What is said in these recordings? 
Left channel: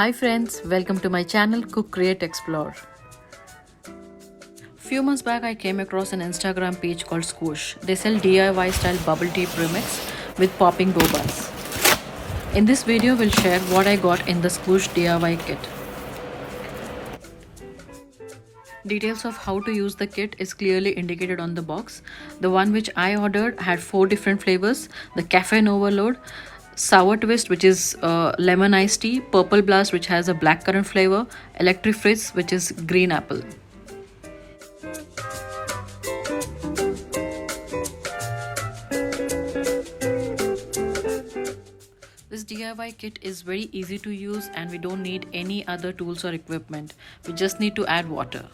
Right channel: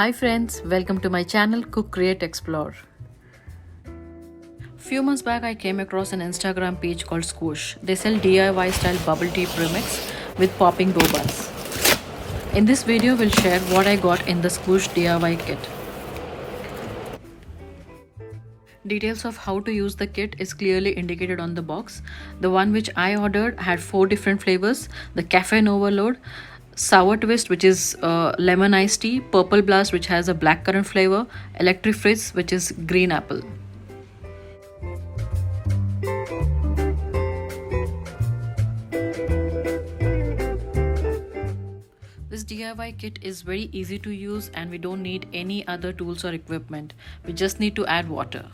Hi friends, welcome to my channel Cook Create Explore. Few months back I came across an Instagram page called Skoosh. They sell DIY style bubble tea premix with popping bobas. In this video we'll share what I got in the Skoosh DIY kit. Details of how to use the kit is clearly indicated on the box. The one which I ordered had 4 different flavors: the Caffeine Overload, SourTwist which is lemon iced tea, Purple Blast which has a blackcurrant flavor, Electric Fizz which is green apple. This DIY kit is very easy to use and we don't need any other tools or equipment. We just need to add water.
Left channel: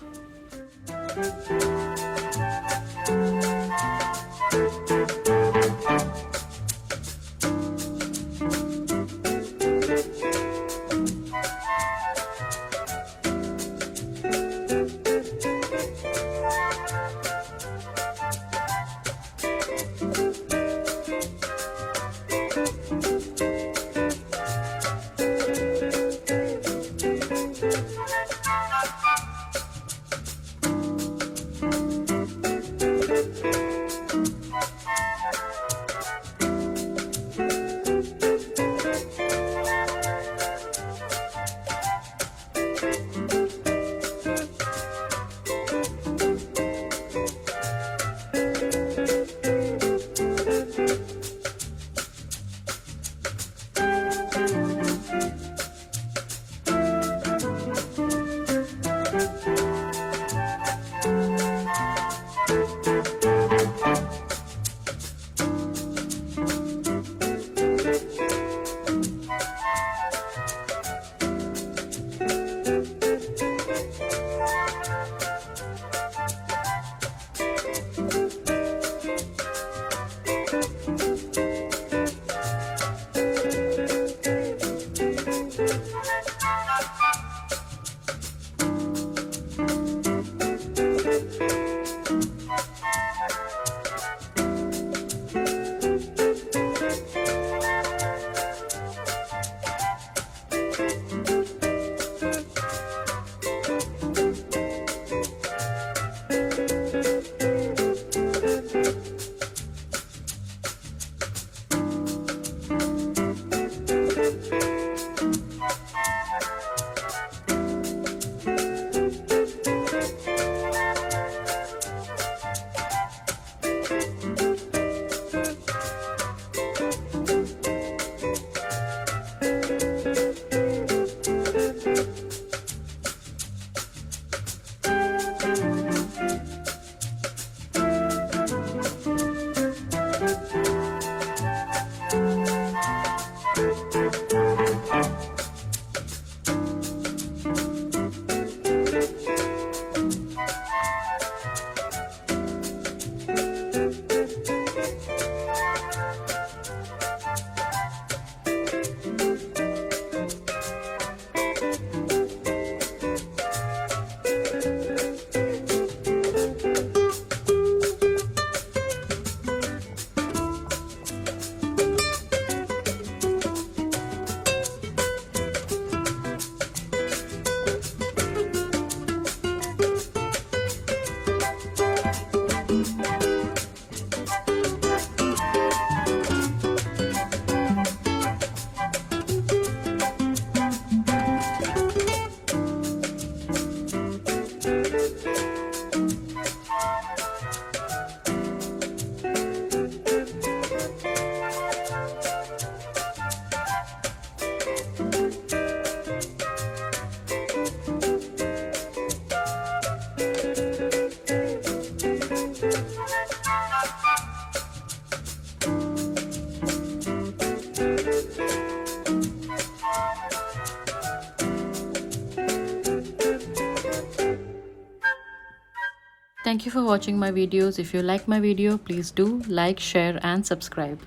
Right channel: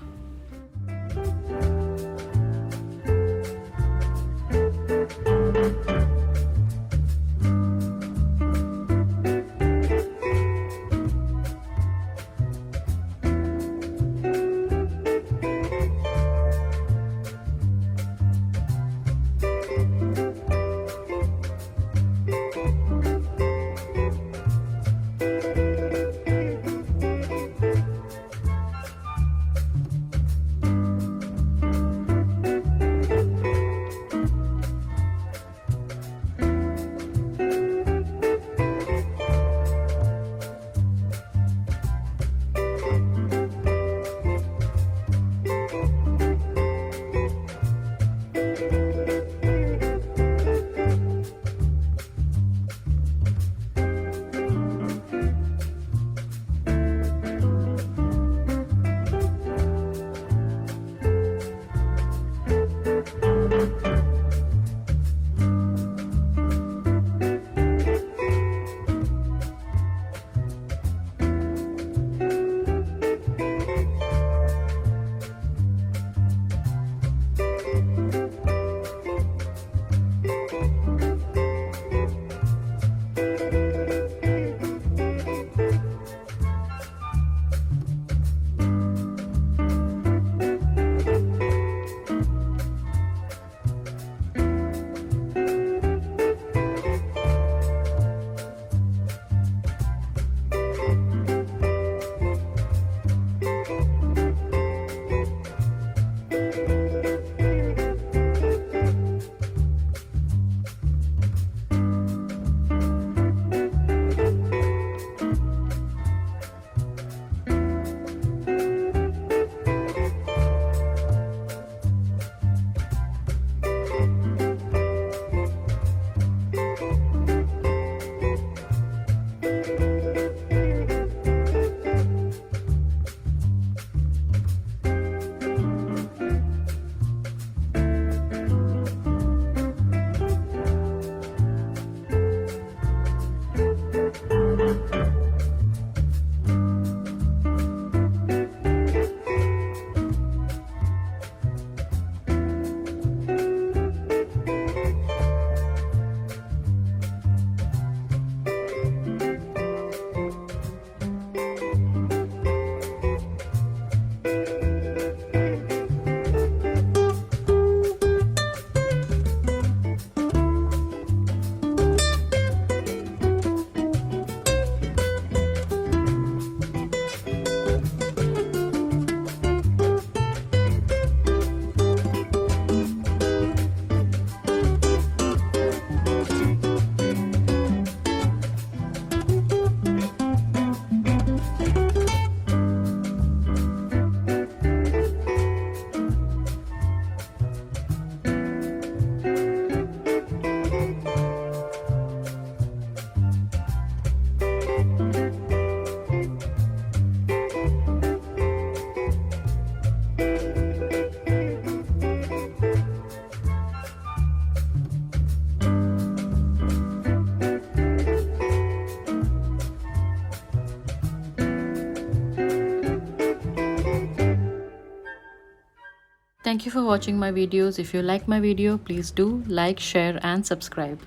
Thank you for watching my videos. If you like my video, please do like, share and subscribe.